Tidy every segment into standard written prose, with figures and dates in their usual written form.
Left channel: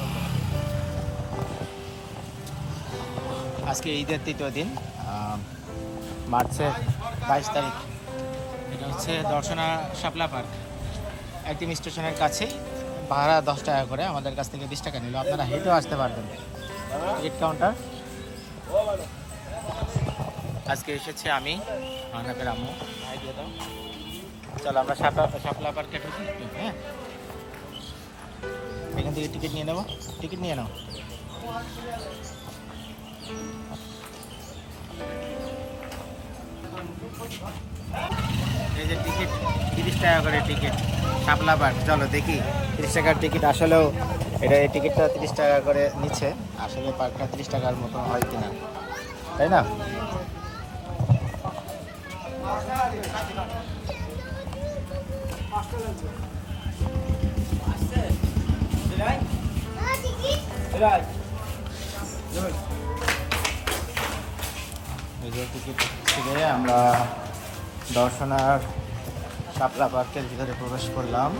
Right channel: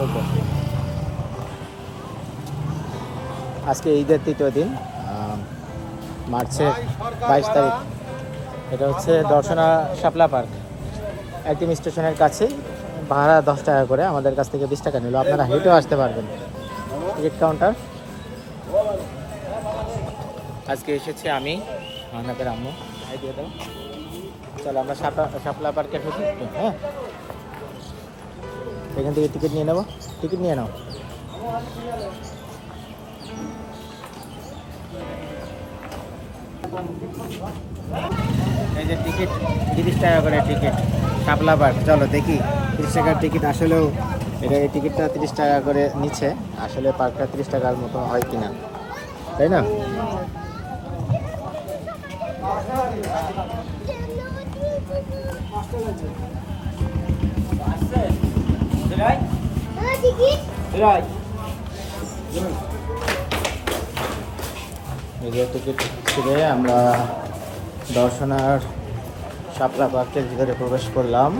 ঢুকবো। আজকে ঈদের তৃতীয় দিন, মার্চের 22 তারিখ। এটা হচ্ছে দর্শনা শাপলা পার্ক, একদম স্টেশনের কাছেই। ভাড়া 10 টাকা করে, আমাদের কাছ থেকে 20 টাকা নিল। আপনারা হেঁটেও আসতে পারবেন। Ticket counter. আজকে এসেছে আমি, মানহাতের আম্মু। হাই দিয়ে দাও। চলো আমরা শাপলা পার্কে ঢুকি একটু। হ্যাঁ, এখান থেকে টিকিট নিয়ে নেবো। টিকিট নিয়ে নাও। এই যে টিকিট, 30 টাকা করে টিকিট শাপলা পার্ক। চলো দেখি 30 টাকার টিকিট আসলেও এটা, এই টিকিটটা 30 টাকা করে নিচ্ছে। আসলে পার্কটা 30 টাকার মতো হয় কিনা, তাই না? এই যে টিকিট ছিঁড়ে আমরা দর্শনার শাপলা পার্কের ভিতরে প্রবেশ করলাম।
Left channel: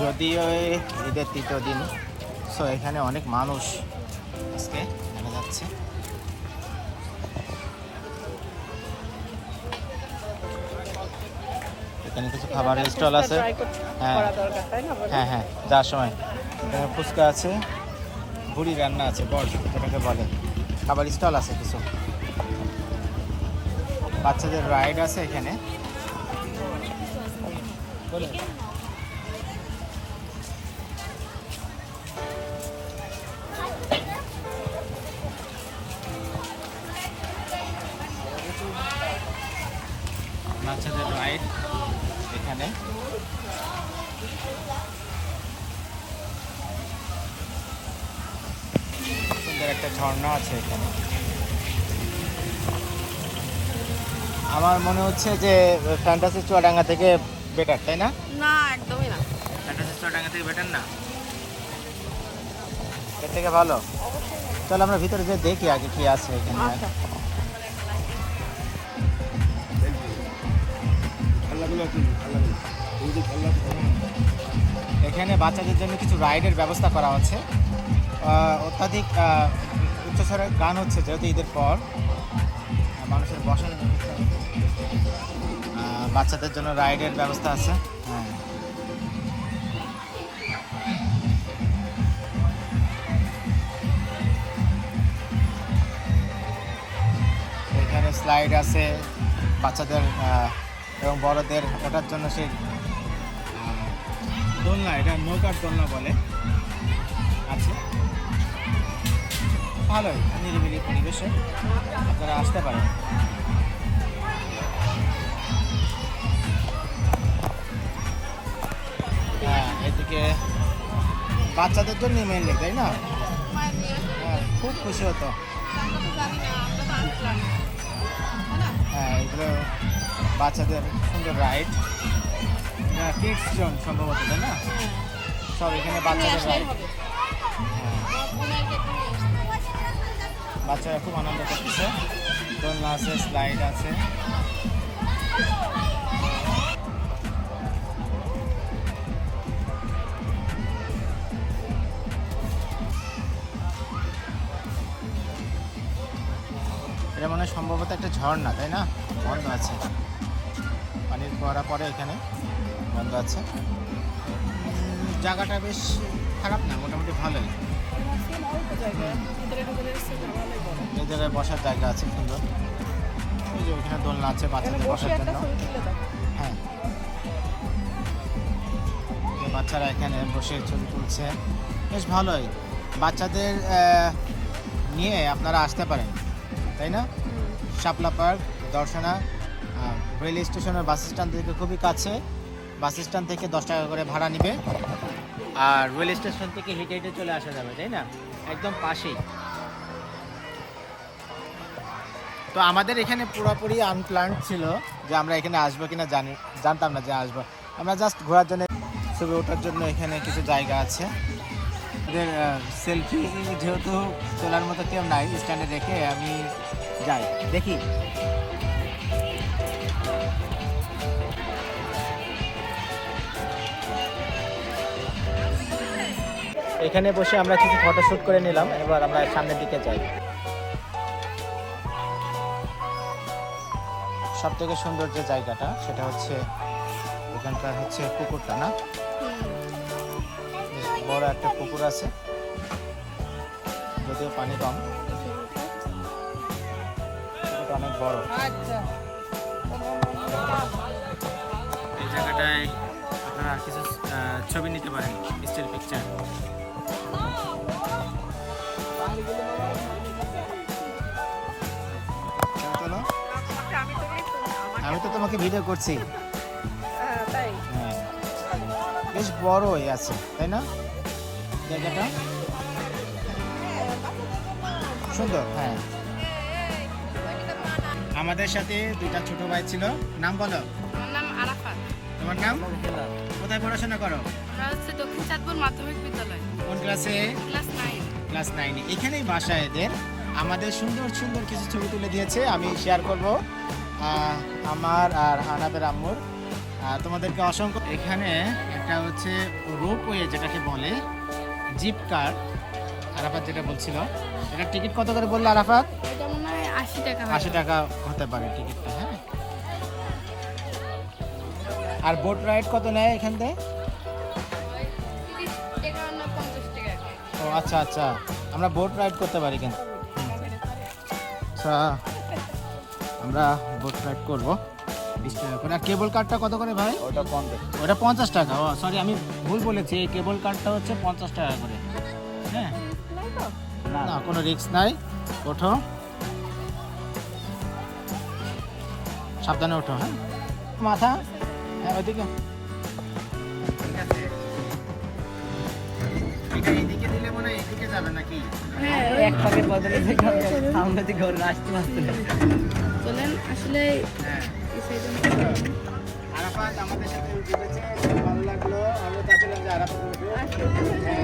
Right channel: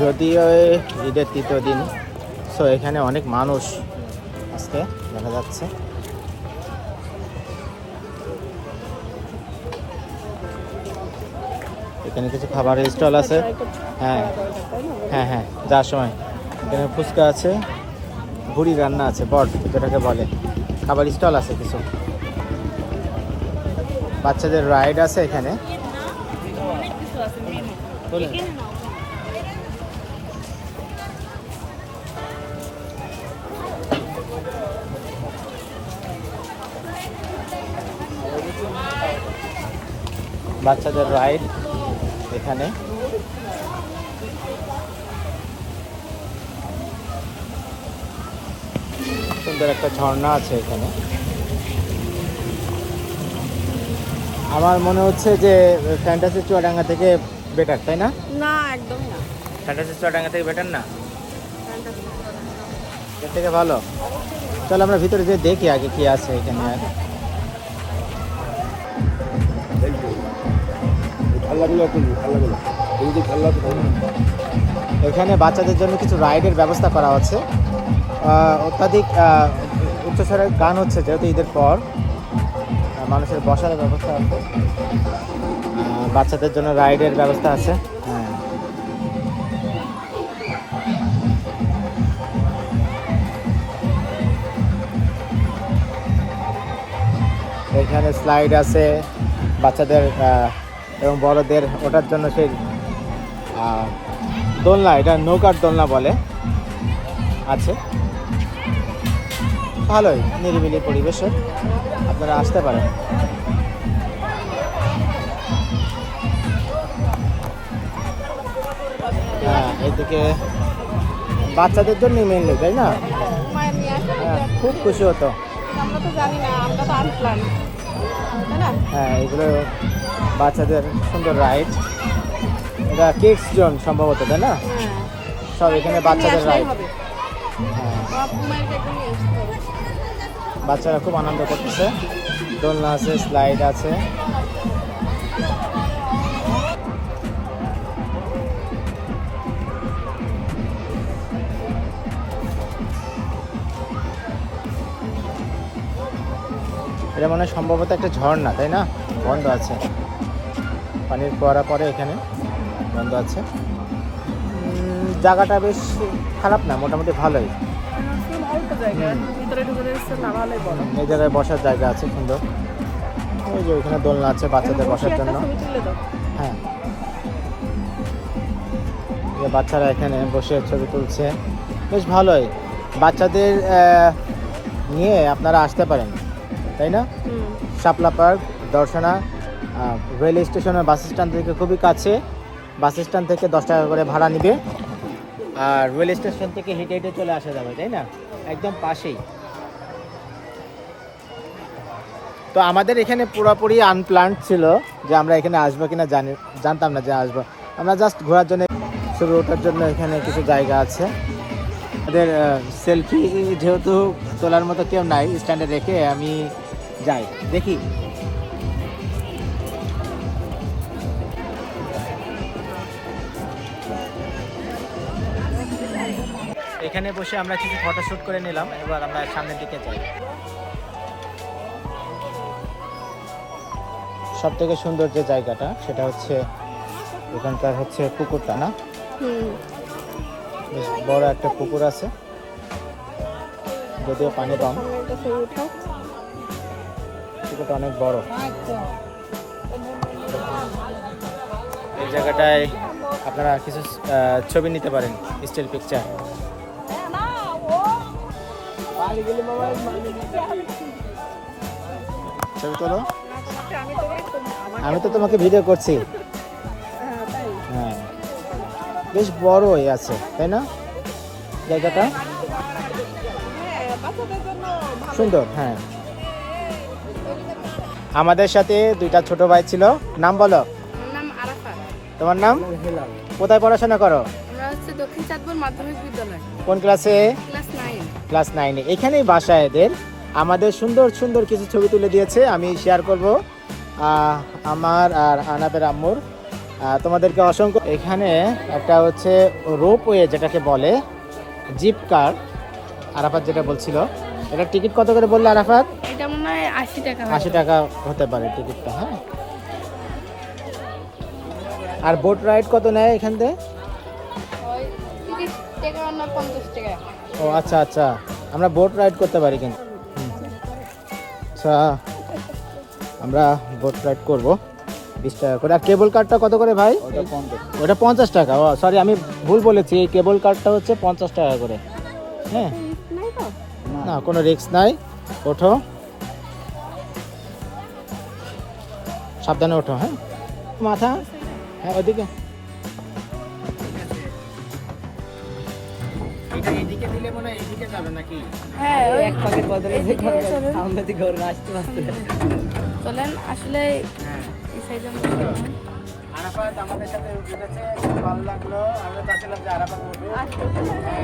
যদিও ঈদের তৃতীয় দিন, সো এখানে অনেক মানুষ আজকে দেখা যাচ্ছে। এখানে কিছু খাবারের স্টল আছে। হ্যাঁ হ্যাঁ হ্যাঁ, যাওয়ার সময় এখানে ফুচকা আছে, ভুড়ি রান্না আছে, বট যেটাকে বলে। খাবার স্টল আছে কিছু, বাচ্চাদের রাইড আছে এখানে। বাচ্চাদের রাইড এখানে। সুন্দর একটা ঝর্ণা আছে এখানে। আমার মনে হচ্ছে যে ফ্যান্টাসি চুয়াডাঙ্গা থেকে বেটার, তাই না? না, একদমই না। ফ্যান্টাসি চুয়াডাঙ্গা থেকে বেটার না, এর থেকে ভালো। চলো আমরা ভিতরে যেয়ে দেখি আগে কি আছে এখানে। এখানে বাচ্চাদের জন্য কিছু রাইডের ব্যবস্থা করা হচ্ছে। অত্যাধিক উচ্চস্বরের গান হচ্ছে, যেহেতু ঈদের পর মানুষের বসার ব্যবস্থা আছে। বাচ্চাদের জন্য রাইডের ব্যবস্থা আছে। হ্যাঁ, এখানে স্লাইড আছে বাচ্চাদের এবং বড়দের ওঠার জন্য। সেই দোলনা, এটা নৌকার দোলনা বলে, আছে। ভালোই নিরিবিলি পরিবেশে, আপনারা আসতে পারেন। হ্যাঁ, এদিকে বাচ্চাদের জন্য মেনলি, তাই না? হ্যাঁ, খুব খুশি হতো। হ্যাঁ, এগুলো বাচ্চাদের সুন্দর রাইড। এটা কিডস জোন সম্ভবত, তাই না? সব এখানে বাচ্চাদের রাইড। হ্যাঁ, বাচ্চারা খুব আনন্দ করতেছে। দোলনা আছে, স্লাইড আছে। এটা মনে হয় সম্ভবত একটা ঝর্ণা, তাই না? বন্ধ আছে, পানির ফোয়ারা পরে এখানে বন্ধ আছে। জায়গাটা বেশ খারাপ না, মোটামুটি ভালোই। এই জায়গায় বসার জায়গা আছে সুন্দর। ওই যে ওইখানে দোলনা আছে বাচ্চাদের বসার জন্য। হ্যাঁ, বাচ্চারা এখানে বসে ছবি তুলছে, বেশ ভালোই। বাচ্চাদের নিয়ে আপনারা আসতে পারেন, তাই না? শাপলা পার্ক দর্শনা রেল স্টেশনের বাস স্ট্যান্ড থেকে খুবই কাছে। বাস স্ট্যান্ড থেকে 10 টাকা করে ভাড়া নিবে, আর রেল স্টেশন থেকে হেঁটে হেঁটে চলে আসা যাবে, তাই না? একদম পাশেই। তো আমাদের এখানে পুরোপুরি আনপ্ল্যান্ড ছিল যে আমরা এখানে আসবো কিনা, জানতাম না যে আসবো। আমরা জাস্ট ঘোরার জন্য, ছবি ওঠার জন্য এখানে কিছু জায়গা আছে। আমাদের সেলফি যেহেতু তোলার মতো কেউ নাই, স্ট্যান্ডে রেখে আমি যাই, দেখি। এখানে বসে আমরা কিছু ফটোশুট করে নিলাম, এবার আমরা সামনের দিকে যাই। সব থেকে সুন্দর যে জায়গাটা সেটা হচ্ছে এখানকার হচ্ছে পুকুরটা না, বেশ বড় একটা পুকুর আছে, যদিও পানি কম, পুকুরটা অনেক বড়। এই জায়গাটায় আপনারা কিছু ছবি নিতে পারেন, স্টিল পিকচার। ছবি তোলো, আমি তো তোমাকে ভিডিও করছি। হ্যাঁ, বেশ বড়ই আছে তাই না জায়গাটা, সুন্দর। হ্যাঁ, আমাদের সাথে দুইটা ছোট ভাই ছিল। নাম বলো। আমার নাম আরাফাত। তোমার নাম? হেলাল। কোথায় পড়াশোনা করো? আমরা হচ্ছে দক্ষিণ চাঁদপুর মাধ্যমিক বিদ্যালয়। কোন ক্লাসে? ক্লাস 9। ক্লাস 9-এ। এখানেই বাসা এদের। আমাদের সুন্দর সুন্দর কিছু ছবি তুলে দিয়েছে, আমি শেয়ার করব আমার আর আনাবের আম্মুর। তোমাদেরকে অসংখ্য। এখানে একটা হচ্ছে রোপওয়ে যেটাকে বলে, জিপ কার, আরাফাত যেটা বলছিল। এটা টিকিট কত করে বললো আরাফাত? এটা মনে হয় 80 টাকা। 80 টাকা হতে পারে টিকিটটা। হ্যাঁ, আর বোট রাইড কত নেয় এখান থেকে? ওই 30 টাকা না 50 টাকা। ও আচ্ছা আচ্ছা, আমরা বোট রাইড করতে পারি কিন্তু। আচ্ছা, আমরা বোট রাইড করবো 20 টাকা করে। আর কেবল কারটা কত করে ভাই? ওটা 50 টাকা। ও সরি, আমি ভুল বলেছি, এই কেবল কারটা হচ্ছে 50 টাকা করে। হ্যাঁ, না কোনো রিস্ক নাই, ওঠো সাবধানে ওঠো। হ্যাঁ, মাথা, হ্যাঁ ওইদিকে। এদিকে দিলে মনে হয় এদিকে যাবে নাকি? হ্যাঁ, ওই এক পাকে বদলে দিকে আমরা দিকে ঘরে আসতে আসতে চলেন। আসলে এই সাইডে আরাফাত আমাদের সাথে উঠেছে, খুব ভালো লাগলো। আমরা চাচ্ছিলাম যে আরাফাত উঠবে।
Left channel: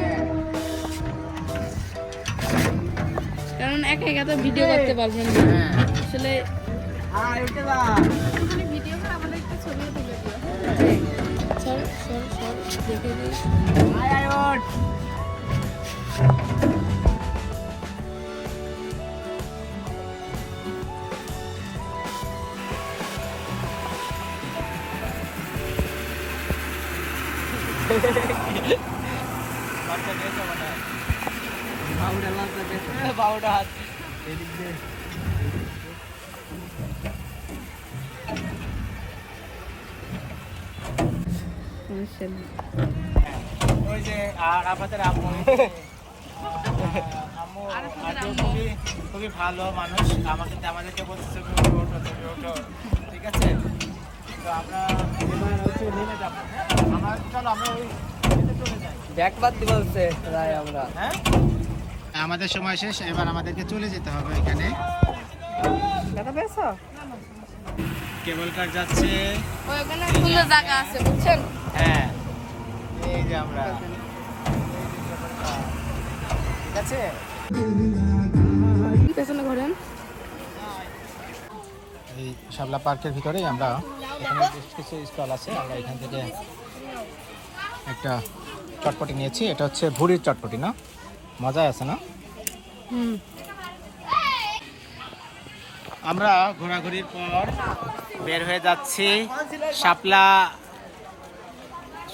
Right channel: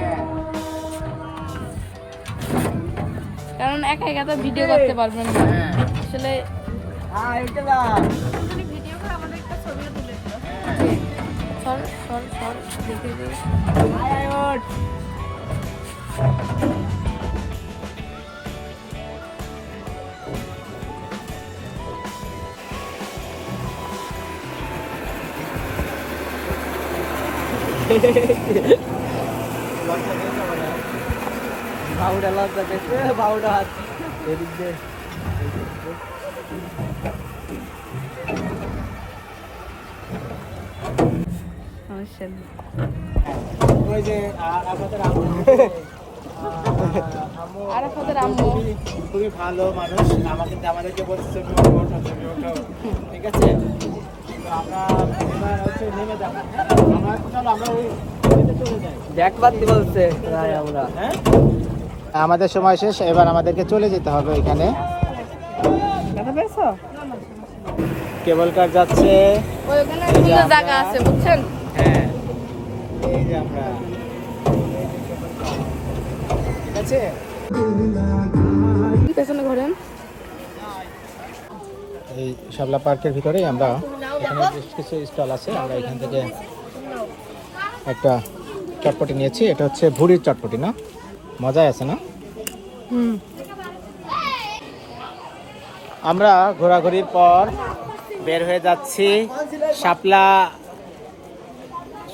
কারণ একা একা তো ভিডিও করতে পারবেন না। আসলে ভিডিও করে আমাদের একটা ছবি তুলে দিও। সর সর সর দেখে দিই। বাউডা লজ্জা পেয়েছে, বাউডা হাত এদিক দিয়ে। সমস্যা নেই। ওই যে আরাফাতের আম্মু, আরাফাতের আম্মু খুবই ভালো মানুষ, আমাদেরকে বলছে ছবি ওঠো ওঠো, ছবি ওঠো। ঠিক আছে, তো আমরা এবার হচ্ছে নেমে যাবো। হ্যাঁ, আমরা চলো আমরা ওই চলে যাই। দেখবার কি বলছে? হ্যাঁ, আমাদের সময় শেষ, এবার আমাদেরকে চলে যেতে হবে ওইখানে। কেবল কার যাচ্ছে। ওই ওখানে সুন্দর জায়গা আছে বুঝছেন? হ্যাঁ, এই যে আমরা, ঠিক আছে। পেছনে ঘোরেন। এই শাপলা পার্কের ভিতরেই আমরা, এখানে বেশ কিছু স্টল আছে, আমরা এখান থেকে একটা চটপটি নিয়েছি। এটা হচ্ছে ভুড়ির চটপটি না, মজাই আছে না? আমরা ঘোরাঘুরির পর বের হয়ে যাচ্ছি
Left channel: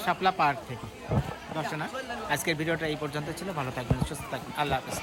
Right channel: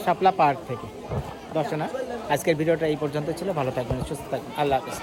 শাপলা পার্ক থেকে। দর্শনা, আজকের ভিডিওটা এই পর্যন্ত ছিল। ভালো থাকবেন, সুস্থ থাকবেন, আল্লাহ হাফেজ।